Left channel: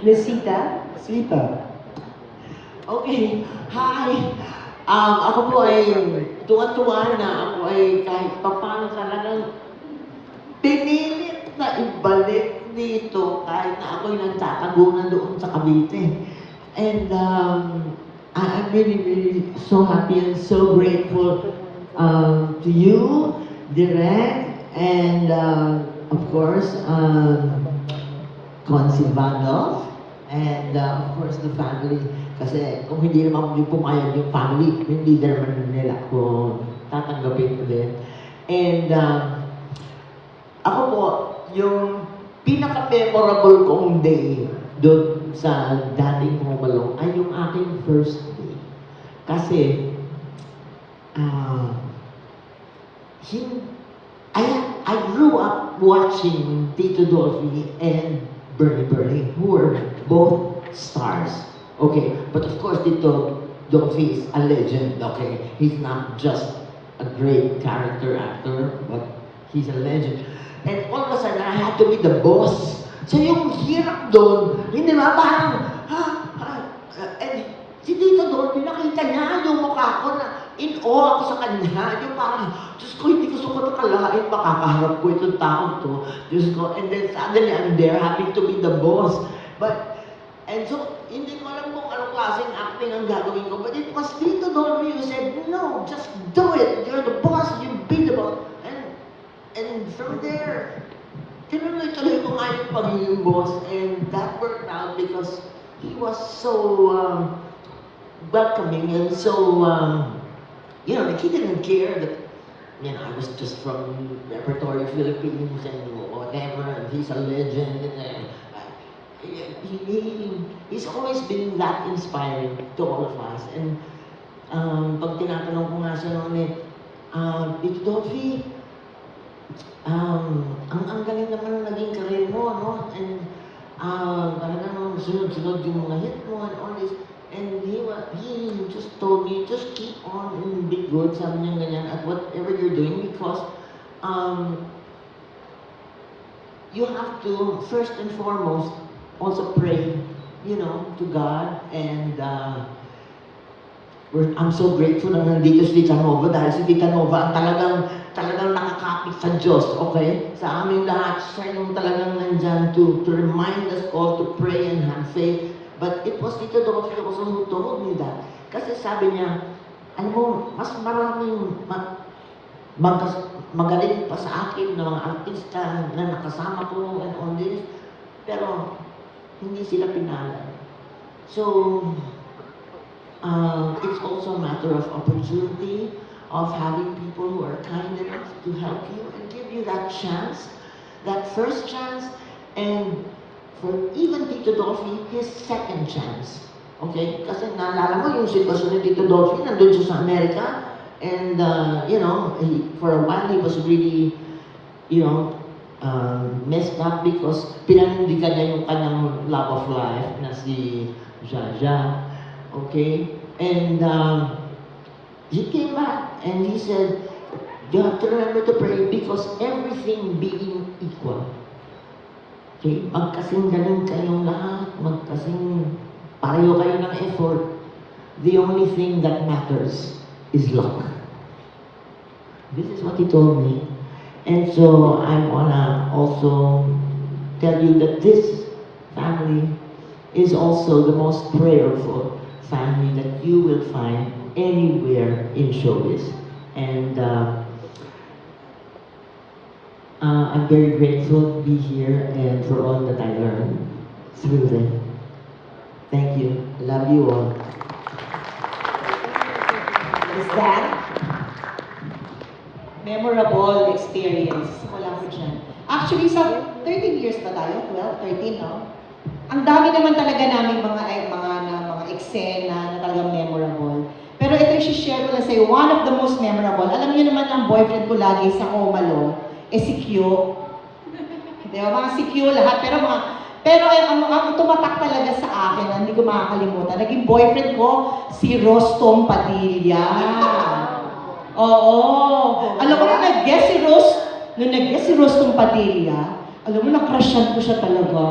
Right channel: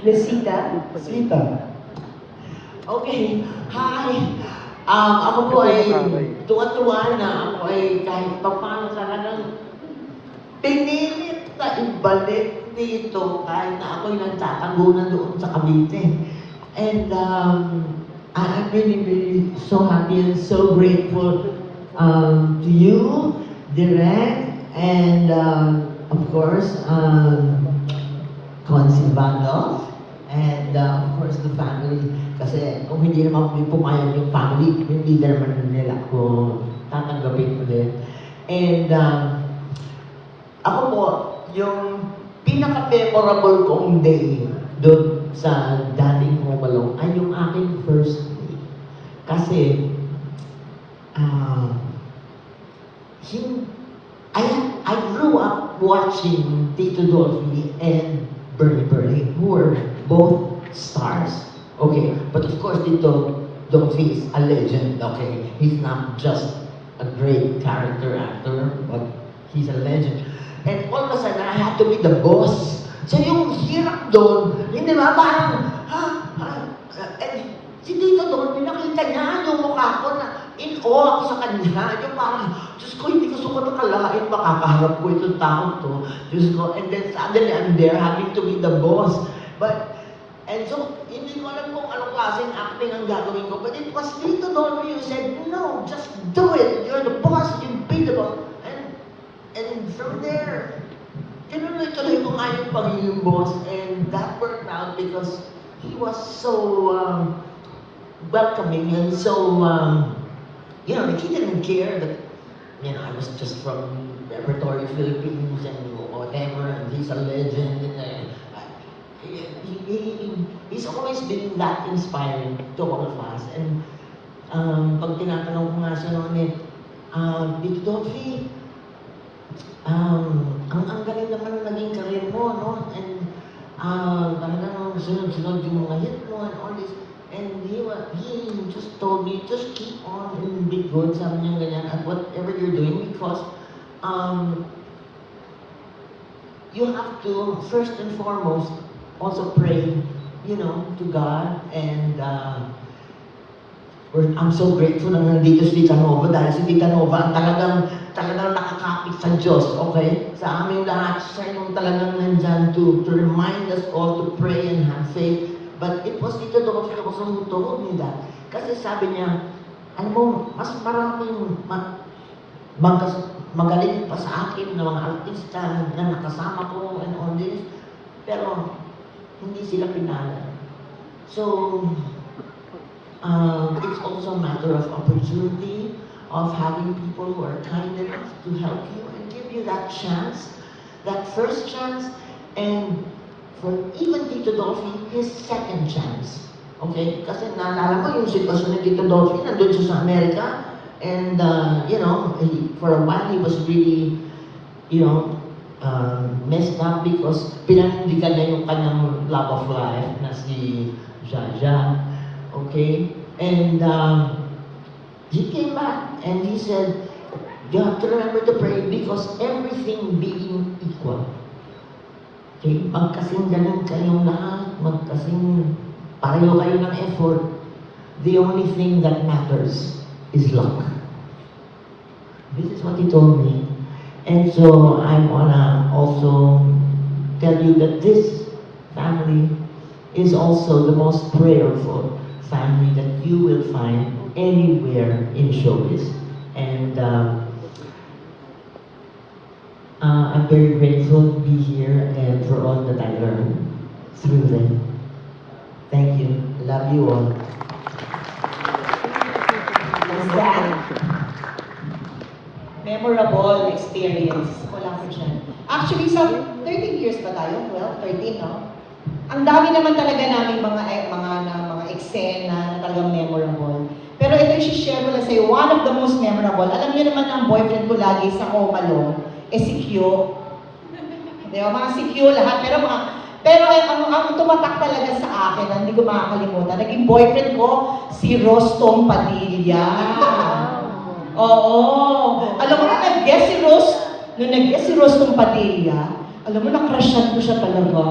Miss Sita? Sita. Okay, hi. Ako po ay tuwa-tuwa na ako ay kahit paano talagang pinilit na ibalik dito kahit na ako'y nagtatagunan doon sa Cavite. And I'm really, really so happy and so grateful to you, Direk, and of course, Consi Bundle, and of course the family. Kasi kung hindi naman po pumayag yung family, hindi naman nila ko tatanggapin ulit. And ako po, yung pinaka-memorable kong day doon sa dating Momalong ay yung aking first day. Kasi, I grew up watching Tito Dolphy and Bernie Bernie, who were both stars. Okay, but of course Tito Dolphy is a legend, okay? He's not just a great character actor, but he's a legend. And all of a sudden, I had to be the boss. So yung hirap doon, hindi ba parang, and si Tito Dolphy, nakita niya yung mukha ko na in awe ako sa kanya. Yung parang, Diyos ko, hindi ko sumunod kalain, makakaharap ko itong taon to. Diyos ko, and then suddenly I'm there having to be the boss. And so, hindi ko alam kung anong klaseng acting ang gagawin ko. But it was Tito Dolphy who said, no, just do it. You're the boss, you be the boss. And from there, tinuloy-tuloy ko nga yung pagiging boss. And that worked out because he was so welcoming and so, you know, he didn't care that, you know, I was just from Repertory Philippines and whatever, and he's a legend. And, he's always been that inspiring to all of us. And pag tinatanong ko nga siya ng Tito Dolphy, ang galing naman ng naging karir mo, no? And talagang sunod-sunod yung mga hit mo and all this. And he just told me, just keep on and be good, sabi niya ganyan, at whatever you're doing, because you have to, first and foremost, also pray, you know, to God. And I'm so grateful na nandito si Tita Nova dahil si Tita Nova ang talagang nakakapit sa Diyos, okay? Sa amin lahat, siya yung talagang nandyan to remind us all to pray and have faith. But it was Tito Dolphy also who told me that. Kasi sabi niya, alam mo, mas maraming magaling pa sa akin ng mga artista na nakasama ko and all this. Pero hindi sila pinala. So, it's also a matter of opportunity, of having people who are kind enough to help you and give you that chance, that first chance, and for even Tito Dolphy, his second chance. Okay? Kasi naalala mo yung sitwasyon ni Tito Dolphy, nandun siya sa Amerika, and, you know, for a while he was really, you know, messed up because pinanindigan niya yung kanyang love of life na si Jaja. Okay? And he came back and he said, you have to remember to pray because everything being equal. Okay? Magkasing ganun kayong lahat, magkasing pareho kayo ng effort. The only thing that matters is luck. This is what he told me. And so I wanna also tell you that this family is also the most prayerful family that you will find anywhere in showbiz. And I'm very grateful to be here and for all that I learned through them. Thank you. Love you all. Is that memorable experience? Wala ko dyan. Actually, sa 13 years ba tayo? 12, 13, no? Ang dami naman talaga namin mga eksena na talagang memorable. Pero ito yung share ko lang sa'yo, one of the most memorable. Alam niyo naman ang boyfriend ko lagi sa Omalo, si Q. Diba? Mga si Q lahat, pero ang tumatak talaga sa akin, na hindi ko makakalimutan, naging boyfriend ko, si Rostom Padilla. Oo. Alam mo na, nag-guess si Rostom Padilla, alam mo, na-crushan ko siya talaga.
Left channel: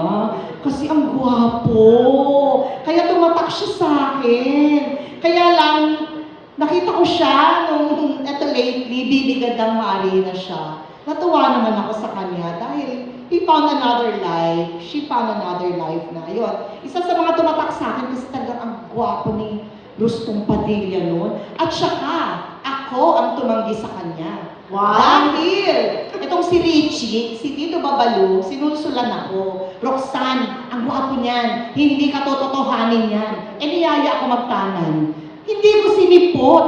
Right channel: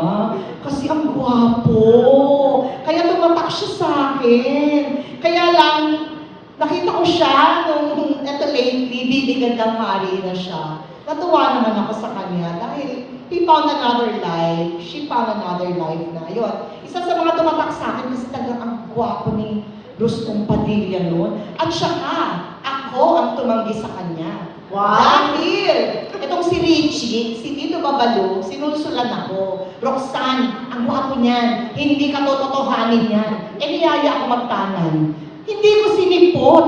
Kasi ang gwapo. Kaya tumatak siya sa akin. Kaya lang, nakita ko siya nung eto lately, bibigandang hari na siya. Natuwa naman ako sa kanya dahil he found another life. She found another life na. Yun. Isa sa mga tumatak sa akin kasi talagang ang gwapo ni Rustong Padilla noon. At saka, ako ang tumanggi sa kanya. Dahil, itong si Richie, si Tito Babalu, sinusulan ako. Roxanne, ang gwapo niyan. Hindi ka tototohanin yan. Eh, niyaya ako magtanan. Hindi ko sinipot.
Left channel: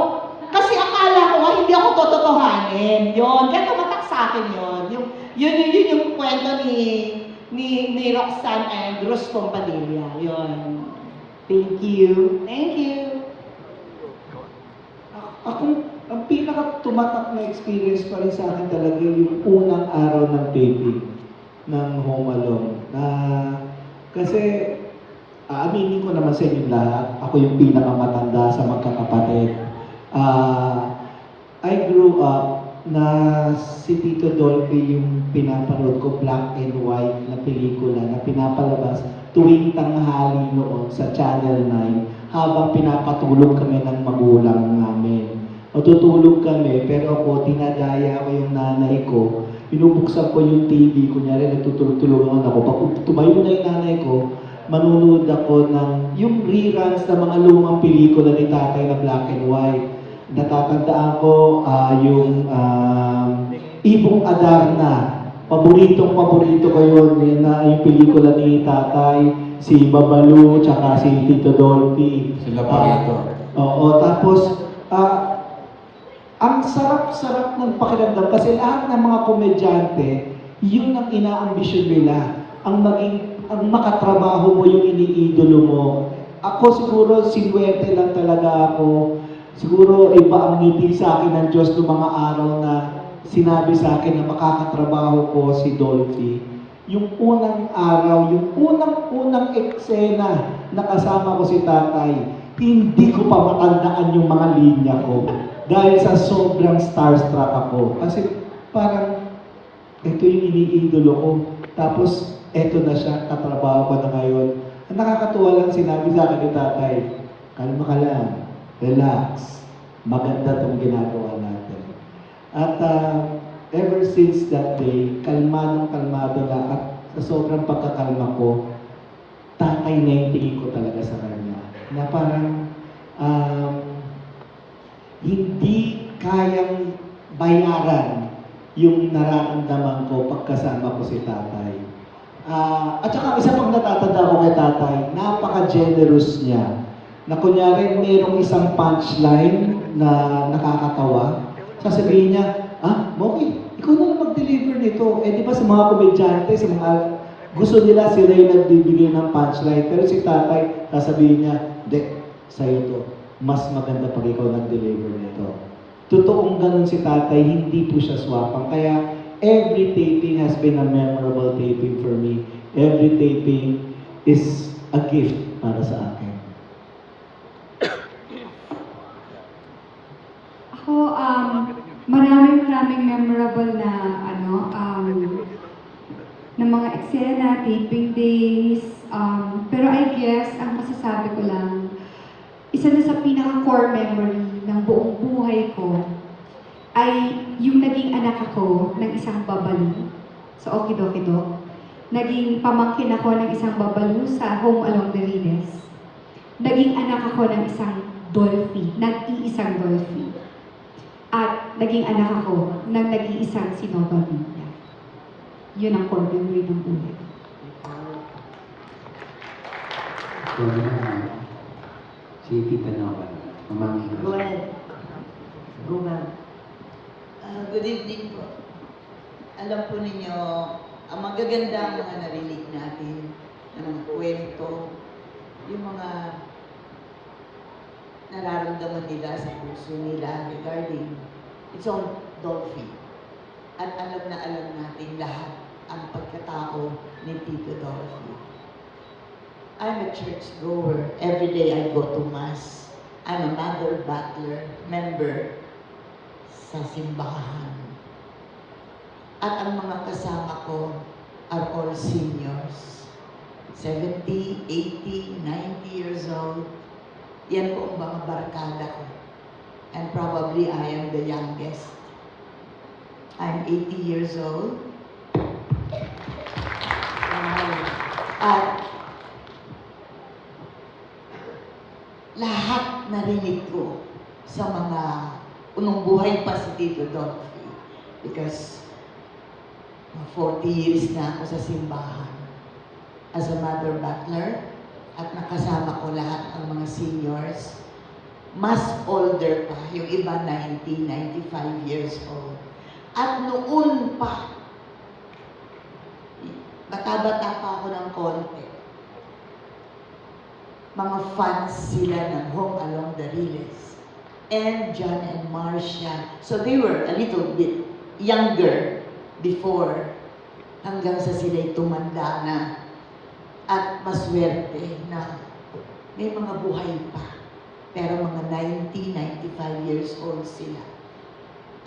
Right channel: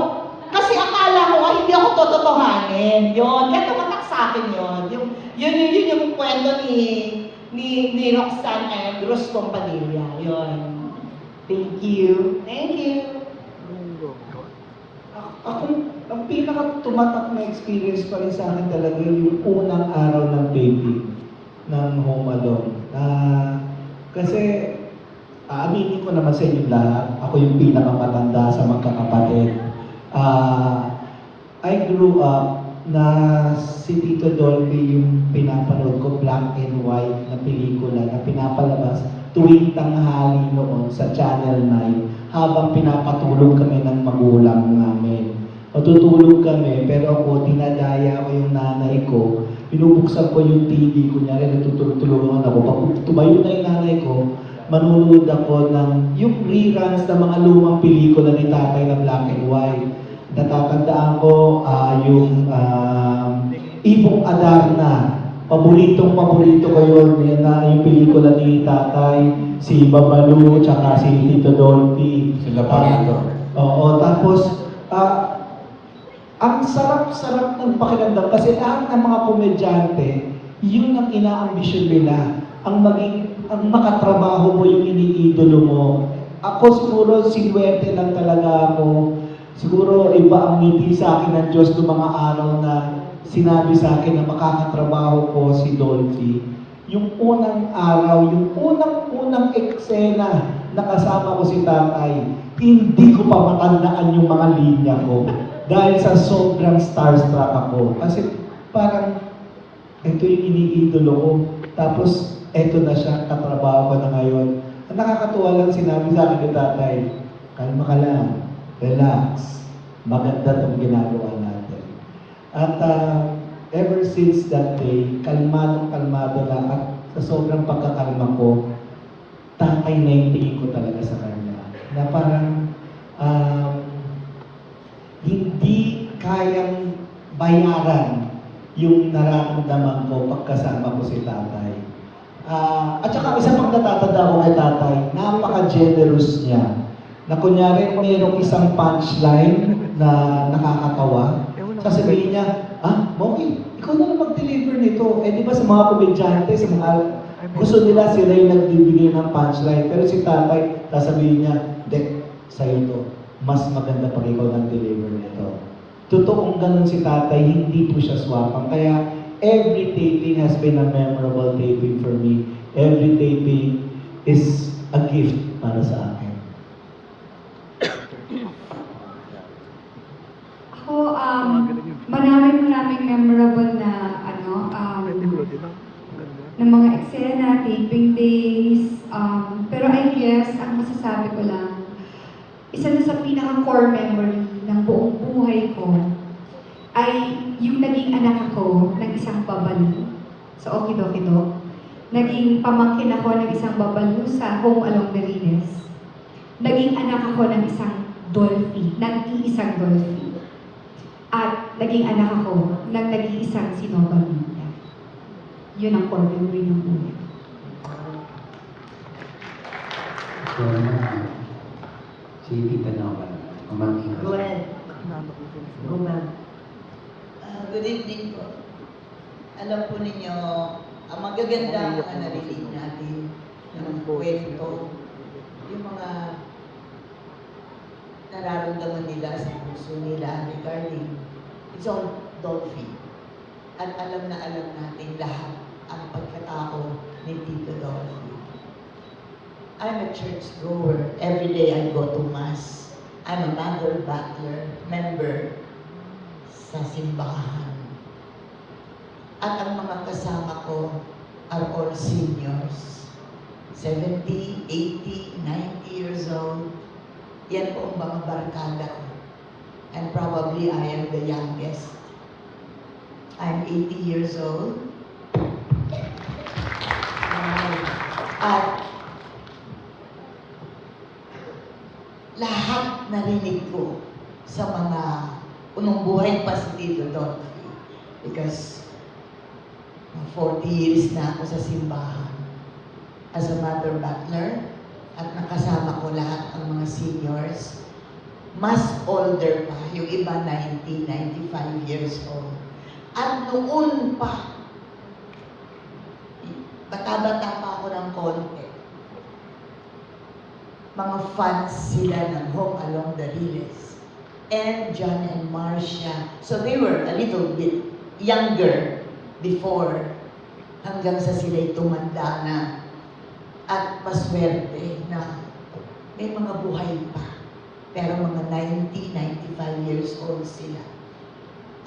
Kasi akala ko nga, hindi ako tototohanin. Yun, kaya tumatak sa akin yun. Yun yung kwento ni Roxanne and Rustong Padilla. Yun. Thank you. Thank you. Ako, ang pinaka-tumatak na experience pa rin sa akin talaga yung unang araw ng taping ng Home Alone. Kasi, aaminin ko naman sa inyo lahat, ako yung pinakamatanda sa magkakapatid. I grew up na si Tito Dolphy yung pinapanood ko, black and white na pelikula na pinapalabas tuwing tanghali noon sa Channel 9 habang pinapatulog kami ng magulang namin. Matutulog kami, pero ako, tinadaya ko yung nanay ko, binubuksan ko yung TV, kunyari natutulungan ako. Pag tumayo na yung nanay ko, manunood ako ng yung reruns ng mga lumang pelikula ni tatay na black and white. Natatandaan ko yung Ibong Adarna. Paborito ko yun, na yung pelikula ni tatay, si Babalu, tsaka si Tito Dolphy. Sila pa rito. Oo, tapos, ang sarap-sarap ng pakiramdam kasi lahat ng mga komedyante, yun ang inaambisyon nila, ang makatrabaho mo, yung iniidolo mo. Ako siguro, 50 lang talaga ako. Siguro iba ang ngiti sa akin ng Diyos ng mga araw na sinabi sa akin na makakatrabaho ko si Dolphy. Yung unang araw, yung unang eksena na kasama ko si tatay, hindi ko pa matandaan yung mga linya ko. Dahil sa sobrang starstruck ako. Kasi parang, ito yung iniidolo ko. Tapos, ito na siya, katrabaho ko na ngayon. Ang nakakatuwa lang sinabi sa akin ni tatay, kalma ka lang, relax, maganda itong ginagawa natin. At ever since that day, kalmado lang at sa sobrang pagkakalma ko, tatay na yung tingin ko talaga sa kanya. Na parang, hindi kayang bayaran yung nararamdaman ko pagkasama ko si tatay. At saka isa pang natatanda ko kay tatay, napaka-generous niya. Na kunyari mayroong isang punchline na nakakatawa, sasabihin niya, Moki, ikaw na lang mag-deliver nito. Eh di ba sa mga komedyante, sa mga gusto nila sila yung nagbibigay ng punchline. Pero si tatay, sasabihin niya, Dek, sa'yo to. Mas maganda pa ikaw ng deliver nito. Totoong ganun si tatay, hindi po siya swapang. Kaya every taping has been a memorable taping for me. Every taping is a gift para sa akin. Ako, maraming memorable na na mga eksena, taping days. Pero I guess, ang masasabi ko lang, isa na sa pinaka-core memory ng buong buhay ko ay yung naging anak ako ng isang babalu sa Okidokido. Naging pamangkin ako ng isang babalu sa Home Along Marines. Naging anak ako ng isang Dolphy, nag-iisang Dolphy. At naging anak ako ng nag-iisang Sinova Vita. Yun ang core memory ng buhay. Sige ka na. Pamangkin ka. Good evening po. Alam po ninyo, ang magaganda na narinig natin ng kwento, yung mga nararamdaman nila sa puso nila regarding John Dolphy. At alam natin lahat ang pagkatao ni Tito Dolphy. I'm a church goer. Every day I go to Mass. I'm a Mother Butler member sa simbahan. At ang mga kasama ko are all seniors. 70, 80, 90 years old. Yan po ang mga barkada ko. And probably I am the youngest. I'm 80 years old. At lahat narinig ko sa mga unong buhay pa si Tito Dolphy. Because 40 years na ako sa simbahan as a mother butler at nakasama ko lahat ng mga seniors. Mas older pa, yung iba 90, 95 years old. At noon pa, bata-bata pa ako ng konti, mga fans sila ng Home Along the Riles. And John and Marcia. So they were a little bit younger before, hanggang sa sila'y tumanda na at maswerte na may mga buhay pa. Pero mga 90, 95 years old sila.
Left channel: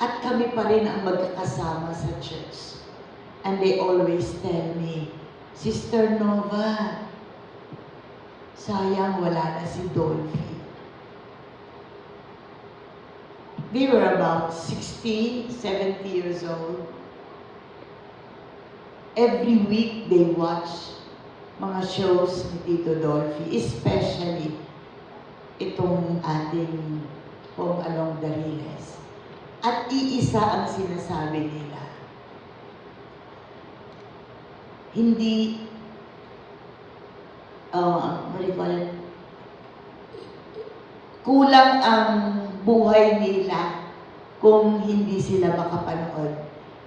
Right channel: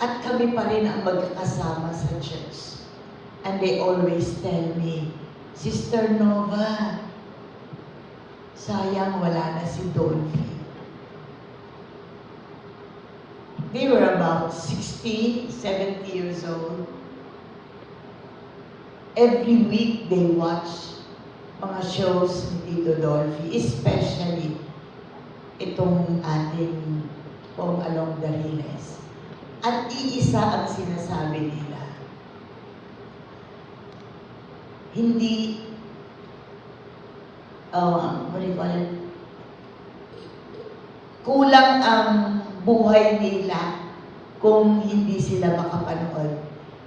At kami pa rin ang magkakasama sa church. And they always tell me, Sister Nova, sayang wala na si Dolphy. They were about 60, 70 years old. Every week they watch mga shows ni Tito Dolphy, especially itong ating Home Along the Riles. At iisa ang sinasabi nila. Hindi, what do you call it? Kulang ang buhay nila kung hindi sila makapanood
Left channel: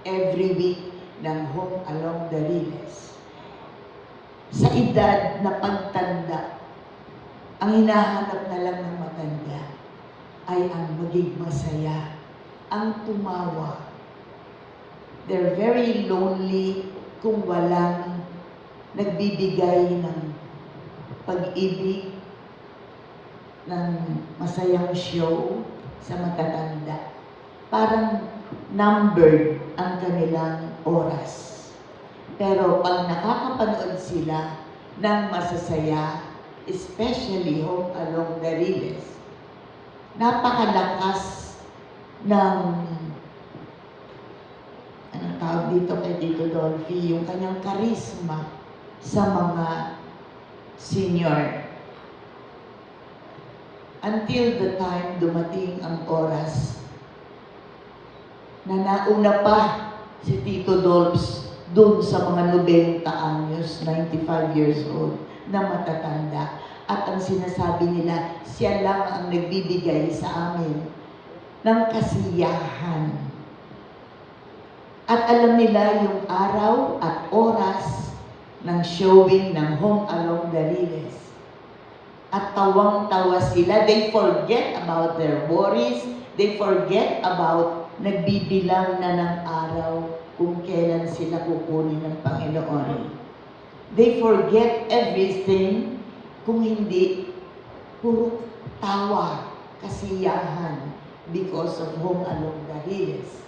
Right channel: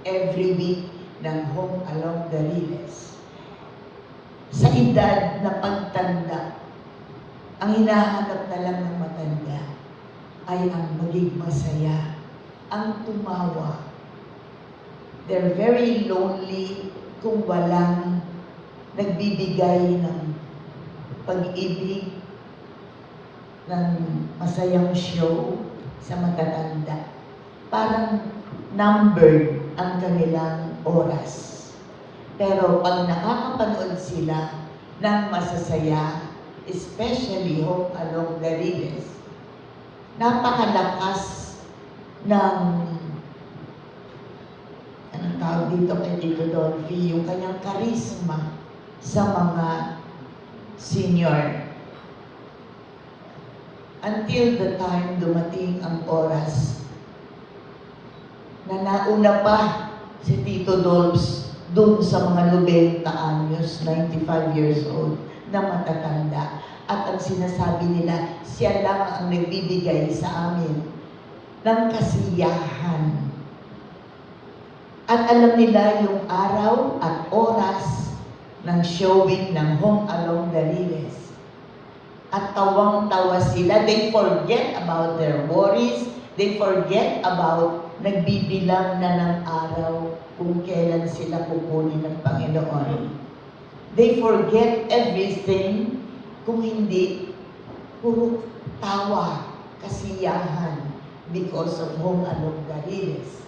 every week ng Home Along the Riles. Sa edad na pagtanda, ang hinahanap na lang ng matanda ay ang maging masaya, ang tumawa. They're very lonely kung walang nagbibigay ng pag-ibig, ng masayang show sa matatanda. Parang numbered ang kanilang oras. Pero pag nakakapanood sila ng masasaya, especially Home Along the Riles, napakalakas ng, anong tawag dito kay Tito Dolphy, yung kanyang karisma sa mga senior. Until the time dumating ang oras na nauna pa si Tito Dolps doon sa mga 90 anyos, 95 years old, na matatanda. At ang sinasabi nila, siya lang ang nagbibigay sa amin ng kasiyahan. At alam nila yung araw at oras ng showing ng Home Along the Riles. At tawang-tawa sila. They forget about their worries. They forget about nagbibilang na ng araw kung kailan sila kukunin ng Panginoon. They forget everything kung hindi puro tawa, kasiyahan because of Home Along the Riles.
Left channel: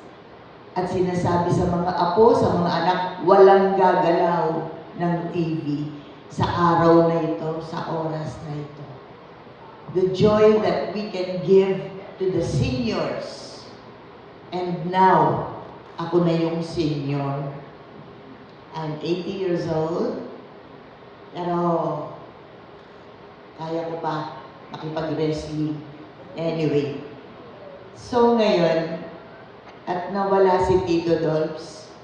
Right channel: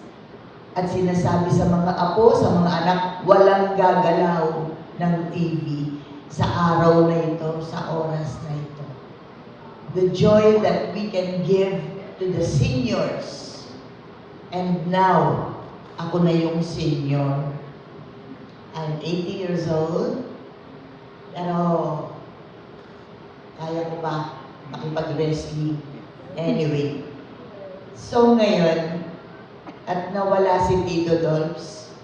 At sinasabi sa mga apo, sa mga anak, walang gagalaw ng TV sa araw na ito, sa oras na ito. The joy that we can give to the seniors. And now, ako na yung senior. I'm 80 years old. Pero, kaya ko pa makipag-wrestling. Anyway. So ngayon, at nawala si Tito Dolps,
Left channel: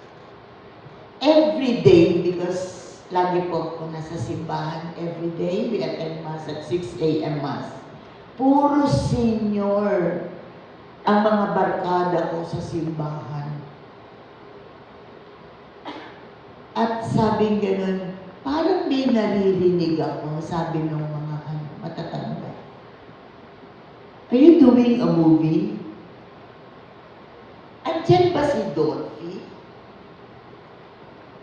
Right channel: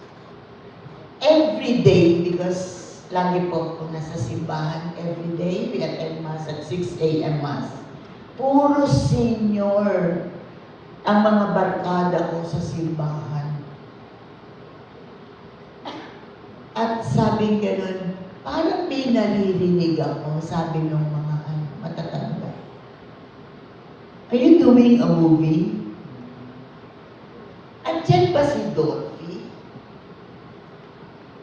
every day, because lagi po ako nasa simbahan, every day, we attend Mass at 6 a.m. Mass. Puro senior ang mga barkada ko sa simbahan. At sabi ganun, parang may naririnig ako, sabi ng mga matatanda. Are you doing a movie? Andiyan ba si Dolphy?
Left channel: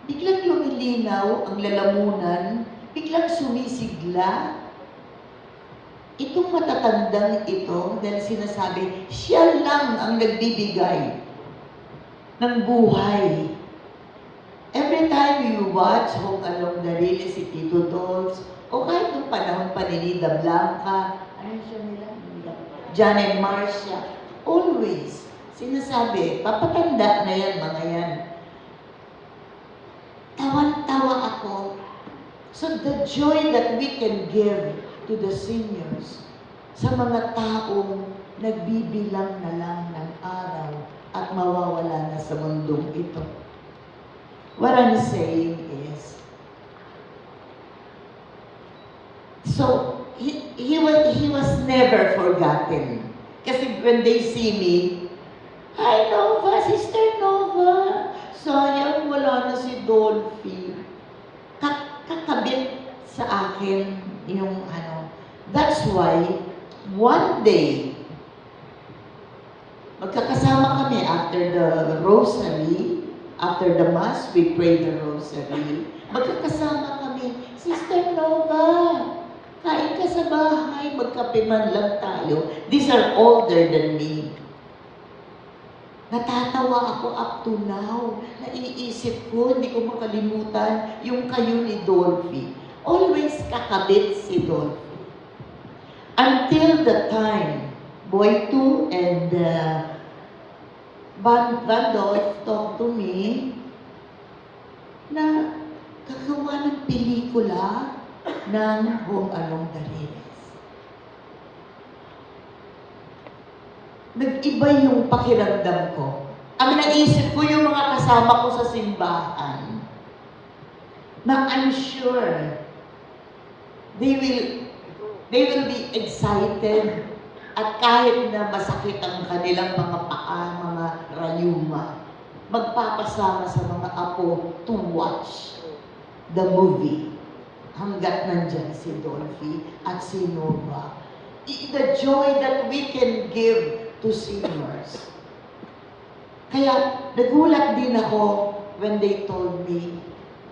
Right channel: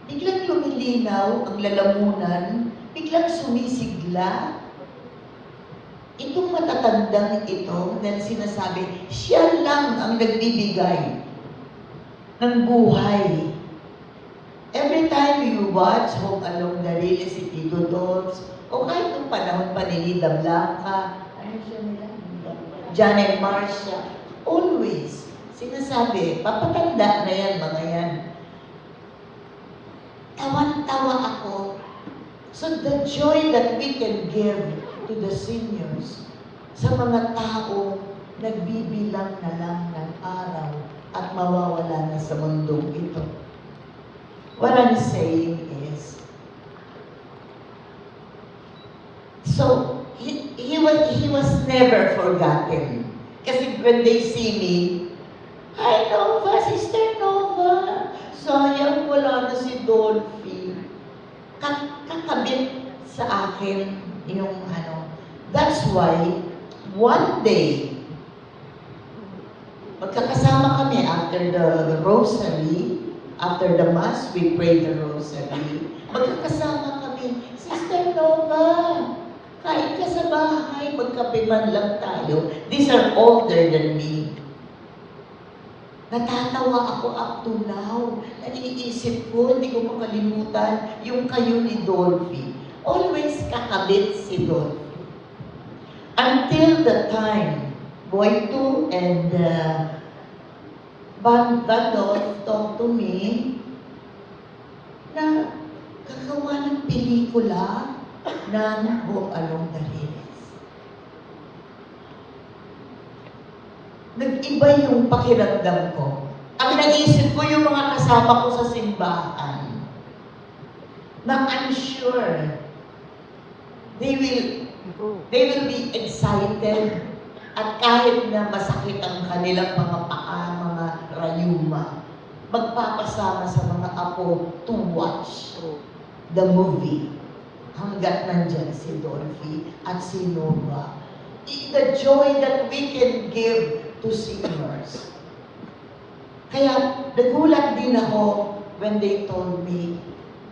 Biglang lumilinaw ang lalamunan, biglang sumisigla. Itong matatandang ito, dahil sinasabi, siya lang ang nagbibigay ng buhay. Every time you watch Home Along the Lily, si Tito Dolls, o kahit yung panahon pa ni Nida Blanca, ano siya nila? John and Marcia, always sinasabi, papatanda na yan, mga yan. Tawan-tawa ako. So the joy that we can give to the seniors, sa mga taong nagbibilang na lang ng araw at mawawala na sa mundong ito. What I'm saying is, so he was never forgotten. Kasi when they see me, "Hi Nova, Sister Nova, sayang wala na si Dolphy." Kakabit sa akin yung ano. That's why, one day, magkakasama kami after the rosary, after the mass, we pray the rosary. Magkakasama kami, Sister Nova, kain ka sa bahay, magkape man lang tayo. These are older than me. Natatawa ako up to now. Naiisip ko, hindi ko makalimutan yung kayo ni Dolphy. Always kakabit si Dolphy. Until the time, Boy 2 and Bandolf talked to me na gagawa ng pelikula ng Home Along the Lily. Nag-iba yung pakiramdam ko. Ang naisip ko yung mga kasama ko sa simbahan na I'm sure they will be excited at kahit na masakit ang kanilang mga paa, mga rayuma, magpapasama sa mga apo to watch the movie hanggat nandyan si Dolphy at si Nova. The joy that we can give to seniors. Kaya nagulat din ako when they told me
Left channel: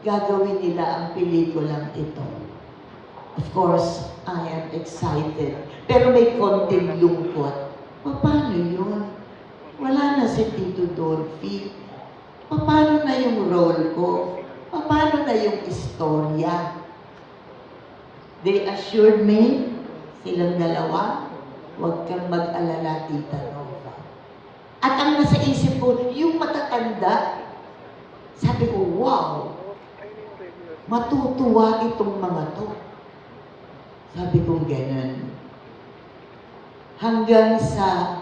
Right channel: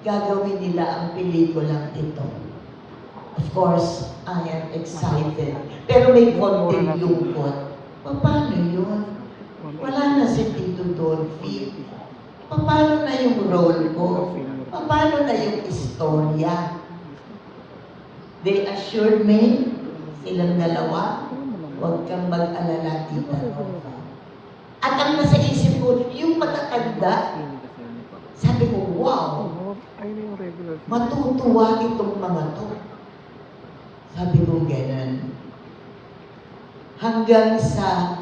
gagawin nila ang pelikulang ito. Of course, I am excited. Pero may konting lungkot. Paano yun? Wala na si Tito Dolphy. Paano na yung role ko? Paano na yung istorya? They assured me, silang dalawa, huwag kang mag-alala, Tita Nova. At ang nasa isip ko, yung matatanda, sabi ko, wow, matutuwa itong mga to. Sabi ko ganun. Hanggang sa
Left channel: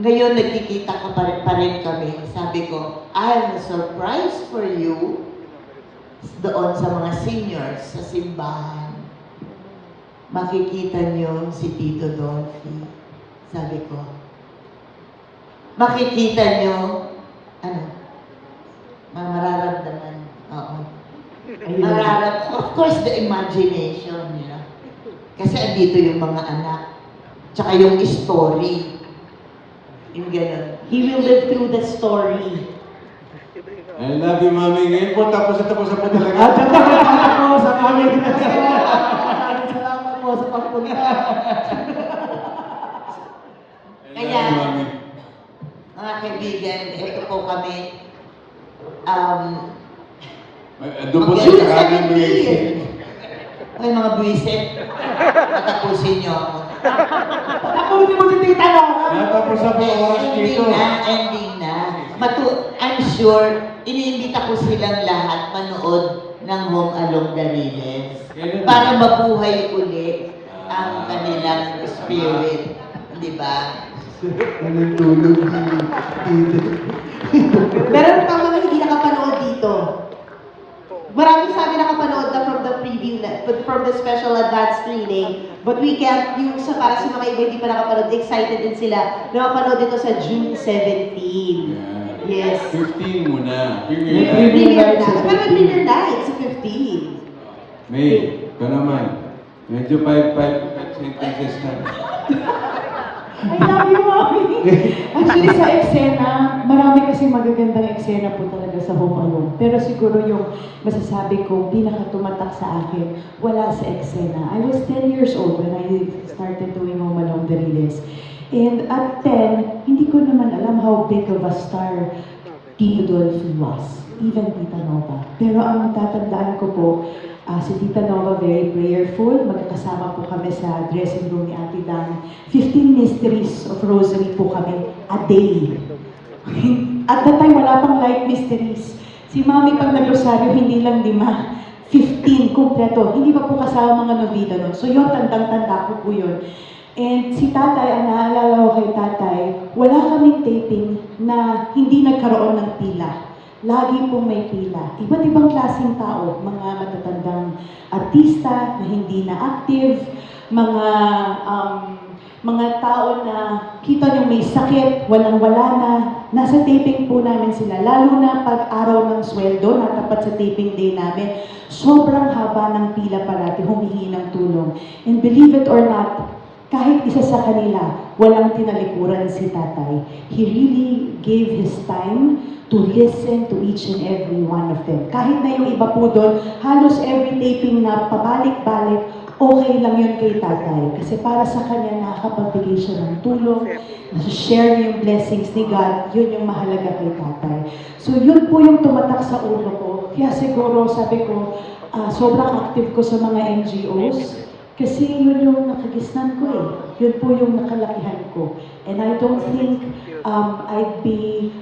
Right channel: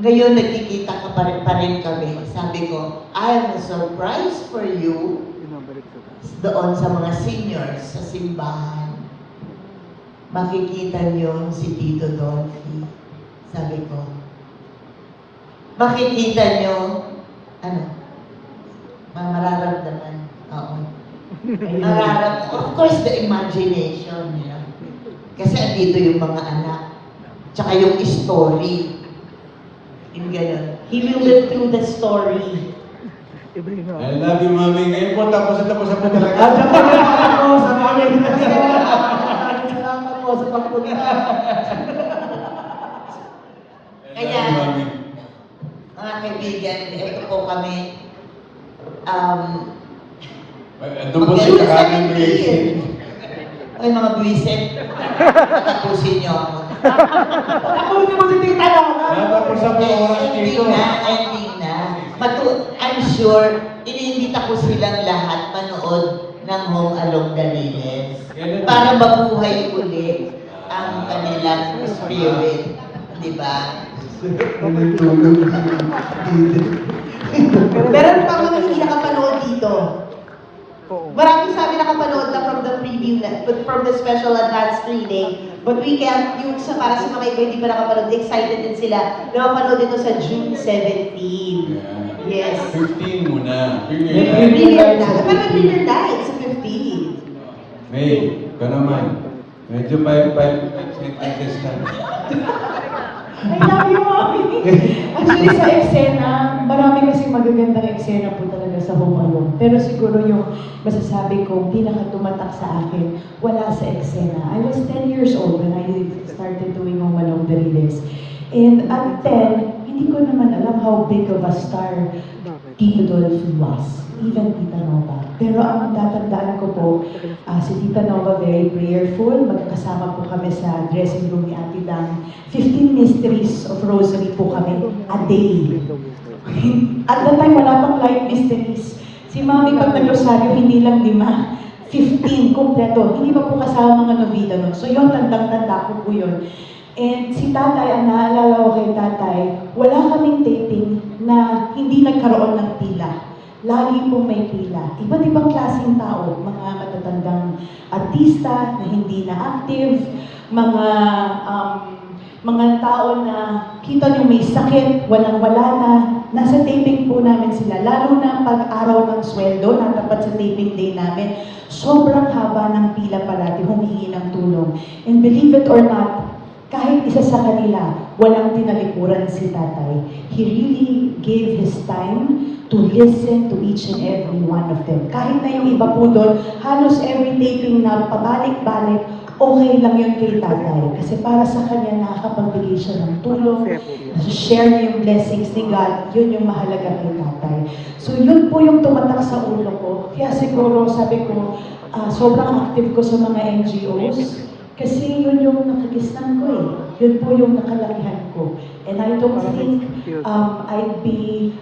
ngayon nagkikita ko pa rin kami. Sabi ko, I have a surprise for you doon sa mga seniors sa simbahan. Makikita niyo si Tito Dolphy. Sabi ko, makikita niyo, ano, mararamdaman. Oo. Of course, the imagination, you know. Kasi andito yung mga anak. Tsaka yung story. Yung gano'n. He will live through the story. I love you, Mami. Ngayon po, tapos na po talaga. At salamat po sa mga Salamat po sa pagpunta. I love you, Mami. Mga kaibigan, ito po kami. Doon po sa kakanin ni Ay, mga buwisit. Tapusin niyo ako. Tapusin mo si Tita Nova. Tapos na po ang oras dito. Hindi na. I'm sure, iniimbita ko silang lahat manood ng Home Along the Lily para mabuhay ulit ang kanilang spirit. Di ba? Meron pa mga hindi nakapanood dito. Marami sa amin nakapanood na from the preview, from the special advance screening. But we can't, yung sa para sa mga iba hindi pa nakapanood, excited din sila na mapanood ito sa June 17. Yes. 15 muna. May Premiere live na. sa Pero 15. premiere na, it's sa 15. May, ito naman. Medyo 5 inches ka. I love you, Mommy! Actually, sa eksena, marami kasi magagandang eksena po talaga sa Home Alone. Pero siguro yung masasabi ko, pinakatumatak sa akin, wala sa eksena. I was 10 years old when I started doing Home Alone the Riles. And at 10, hindi ko naman alam how big of a star Tito Dolphy was, even Tita Nova. Pero ang tatandaan ko po, si Tita Nova very prayerful, magkakasama po kami sa dressing room ni Ate Dan. 15 mysteries of rosary po kami a day. At that time, wala pang light mysteries. Si Mami pag nag-rosaryo, hindi lang 5, 15 kompleto. Hindi pa po kasama mga novena nun. So yun, tandang-tanda ko po yun. And si tatay, ang naalala ko kay tatay, wala kaming taping na hindi nagkaroon ng pila. Lagi pong may pila. Iba't ibang klaseng tao, mga matatandang artista na hindi na active, mga tao na kita nyo may sakit, walang-wala na, nasa taping po namin sila. Lalo na pag araw ng sweldo, natapat sa taping day namin, sobrang haba ng pila parati, humihingi ng tulong. And believe it or not, kahit isa sa kanila, walang tinalikuran si tatay. He really gave his time to listen to each and every one of them. Kahit na yung iba po doon, halos every taping na pabalik-balik, okay lang yun kay tatay. Kasi para sa kanya, nakakapagbigay siya ng tulong, share niya yung blessings ni God, yun yung mahalaga kay tatay. So yun po yung tumatak sa ulo ko. Kaya siguro sabi ko, sobrang active ko sa mga NGOs, kasi yun yung nakikisnan ko eh. Yun po yung nakalakihan ko. And I don't think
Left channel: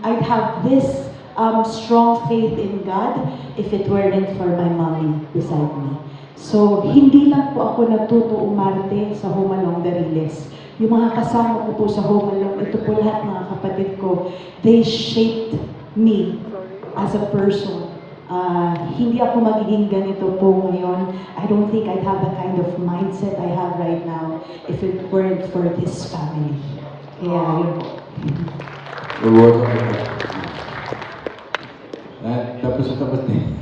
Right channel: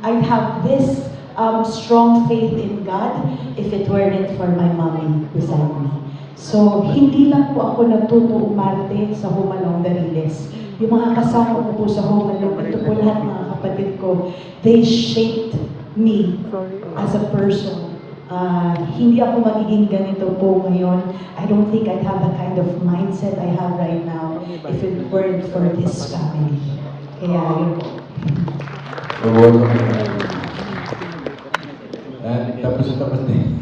I'd have this strong faith in God if it weren't for my mommy beside me. So, hindi lang po ako natuto umarte sa Humalong Dariles. Yung mga kasama ko po sa Humalong, ito po lahat mga kapatid ko, they shaped me as a person. Hindi ako magiging ganito po ngayon. I don't think I'd have the kind of mindset I have right now if it weren't for this family. Kaya yun po. Tapos din.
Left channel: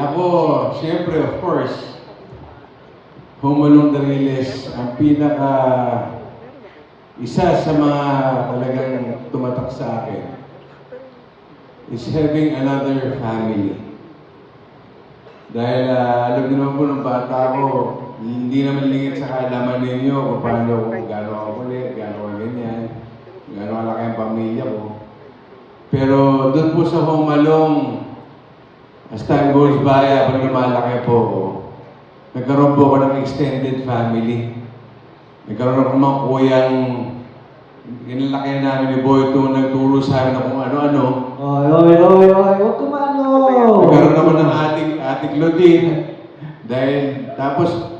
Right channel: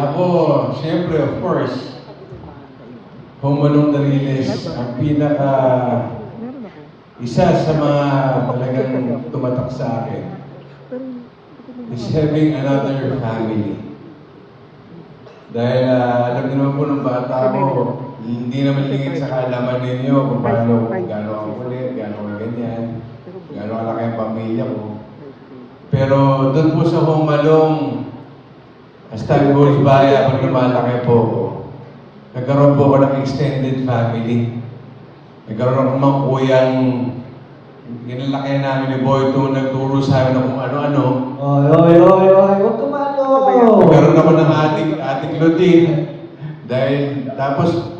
Ako, siyempre, of course, Humalong Dariles, ang isa sa mga talagang tumatak sa akin is having another family. Dahil alam naman po ng bata ko, hindi naman lingit sa kaalaman ninyo kung paano, gano'n ako kulit, gano'n ako ganyan, gano'n kalaki ang pamilya ko. Pero doon po sa Humalong, as time goes by, habang lumalaki po, nagkaroon po ako ng extended family. Nagkaroon ako mga kuyang inilaki namin ni Boy to nagturo sa akin kung ano-ano. Huwag kumano! Nagkaroon ako ng ating Lodin. Dahil, tapos,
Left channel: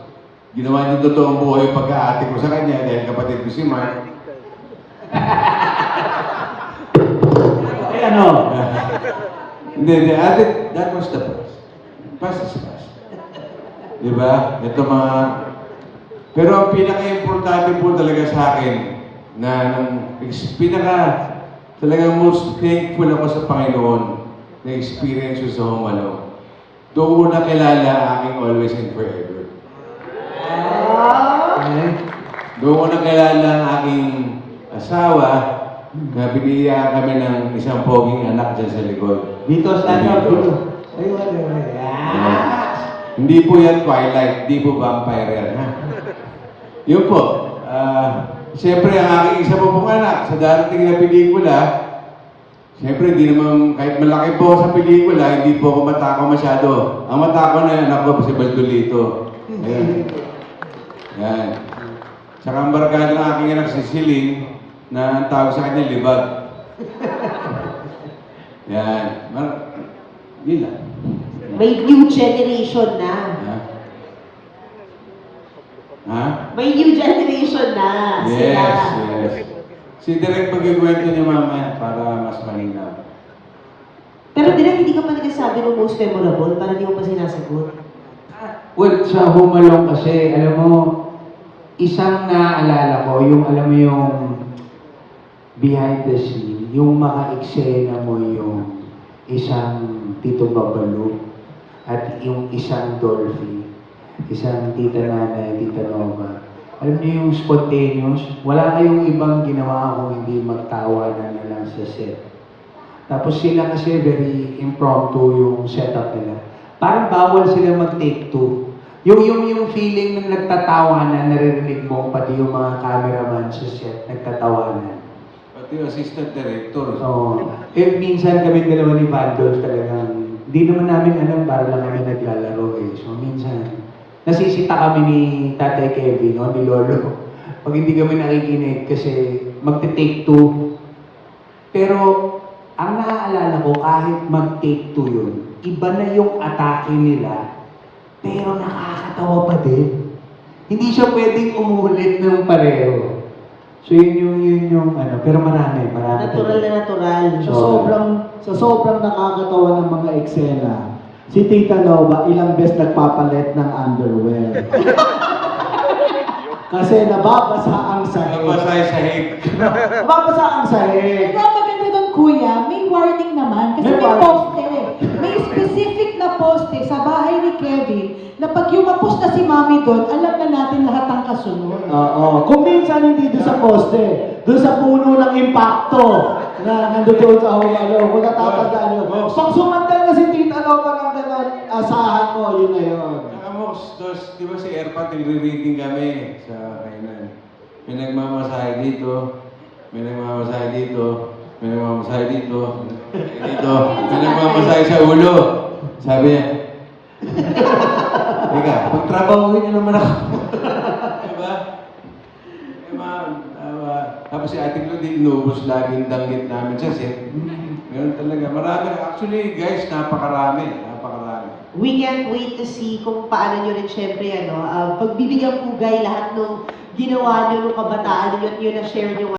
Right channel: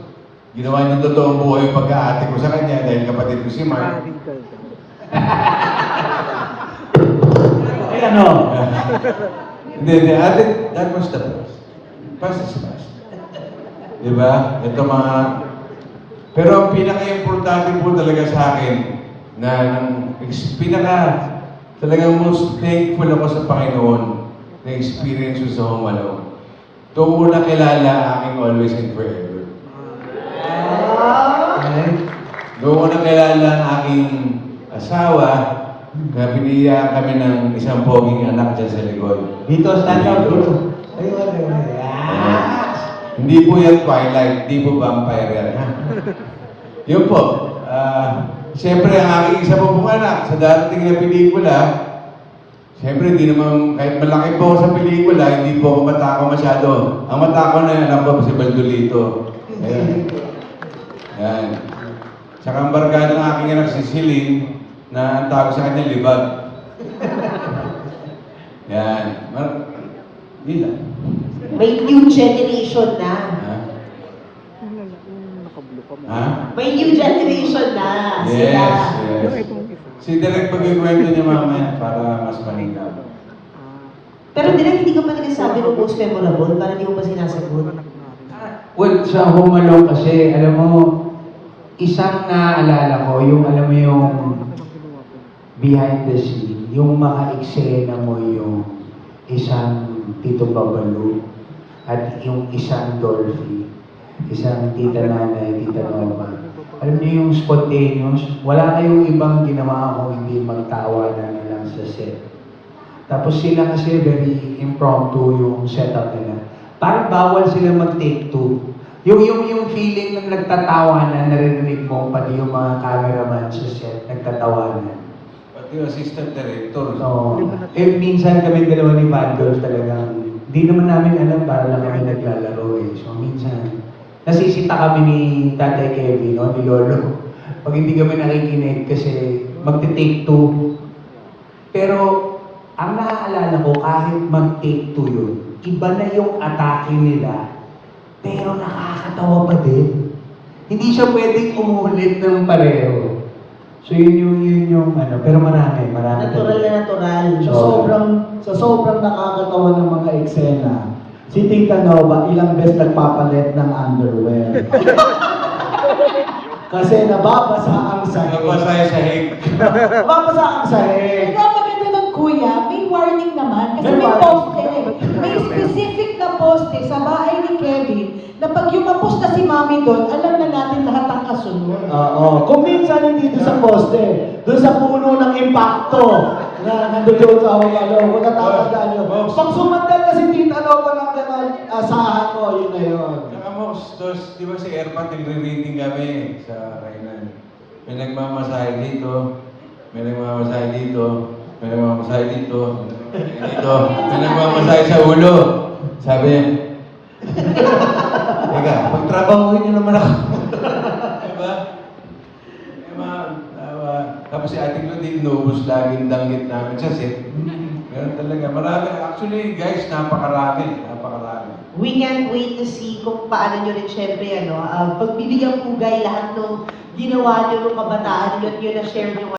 ginawa niya totoong buhay yung pagka-ate ko sa kanya dahil kapatid ko si Mark. Ay, ano? Hindi, that was the past. Past is past. Diba? Ito mga... Pero ang pinaka-importante po talaga sa akin, na talagang most thankful ako sa Panginoon na experience ko sa Humalong. Doon ko nakilala ang aking always and forever. Doon ko nakilala ang aking asawa na binigyan kami ng isang poging anak dyan sa likod. Dito, stand up, bro. Ayun. Hindi po yan Twilight, hindi po vampire yan. Ha? Yun po. Siyempre, ang aking isa pong anak sa darating na pelikula, siyempre, hindi naman, kahit malaki po ako sa pelikula, hindi po ako matako masyado. Ang matako na yung anak ko si Bandolito. Ayan. Ayan. Tsaka ang barkada ng aking anak si Siling, na ang tawag sa kanya, libag. Ayan. Hindi lang. May new generation na. Ha? May new generation na. Yes, yes. Si Direk pag-iwento niya mamaya para mas malinaw. Pero hindi ko pa nagsasabi ng most memorable, parang hindi ko pa sinasagot. Well, sa Humalong kasi, alam mo, isang naalala ko, yung alam mo yung behind the scene, yung maka-eksena mo yung isang Tito Babalu at yung isang Dolphy, isang tita nanay, tita Nova. Alam niyo yung spontaneous, wala kayong ibang ginawa kung hindi magtawanan na lang sa set. Tapos sila kasi very impromptu yung setup nila. Parang bawal sila mag-take two. Yung feeling ng nagtatawanan, naririnig mo pati yung mga cameraman sa set, nagtatawanan. yung assistant director. Oo. Minsan kami dalawa ni Vandal talagang, di naman namin alam para lang kami naglalaro eh. So minsan, nasisita kami ni Tatay Kevin, no, ni Lolo. Pag hindi kami nakikinig kasi magte-take two. Pero ang naaalala ko, kahit mag-take two yun, iba na yung atake nila, pero nakakatawa pa din. Hindi siya pwedeng umulit ng pareho. So yun yung ano, pero marami. Natural na natural. Sa sobrang nakakatawa ng mga eksena, si Tita Nova ilang beses nagpapalit ng underwear. Kasi nababasa ang sahig. Nabasay sa hip. Nababasa ang sahig. Pero ang maganda ng kuya, may warning naman. Kasi may poste. May specific na poste sa bahay ni Kevin na pag yumapos na si Mami doon, alam na natin lahat ang kasunod. Oo. Kung minsan hindi doon sa poste, doon sa puno ng impacto na nandoon sa hukalo, kung natatandaan nyo. Pag sumandan na si Tita Nova ng gano'n, asahan mo, yun na yun. Di ba si Erpat, nagre-reading kami sa kainan. May nagmamasahe dito, may nagmamasahe dito, may nagmamasahe dito, may nagmamasahe sa ulo. Sabi niya, teka, pagtrabahuin niyo naman ako. Diba? Tapos si Ate Claudine, inubos lagi yung danggit namin sa set. Ganun talaga. Marami. Actually, guys, napakarami. We can't wait to see kung paano nyo rin syempre, pagbibigyan pugay lahat ng ginawa nyo ng kabataan nyo at yun na share nyo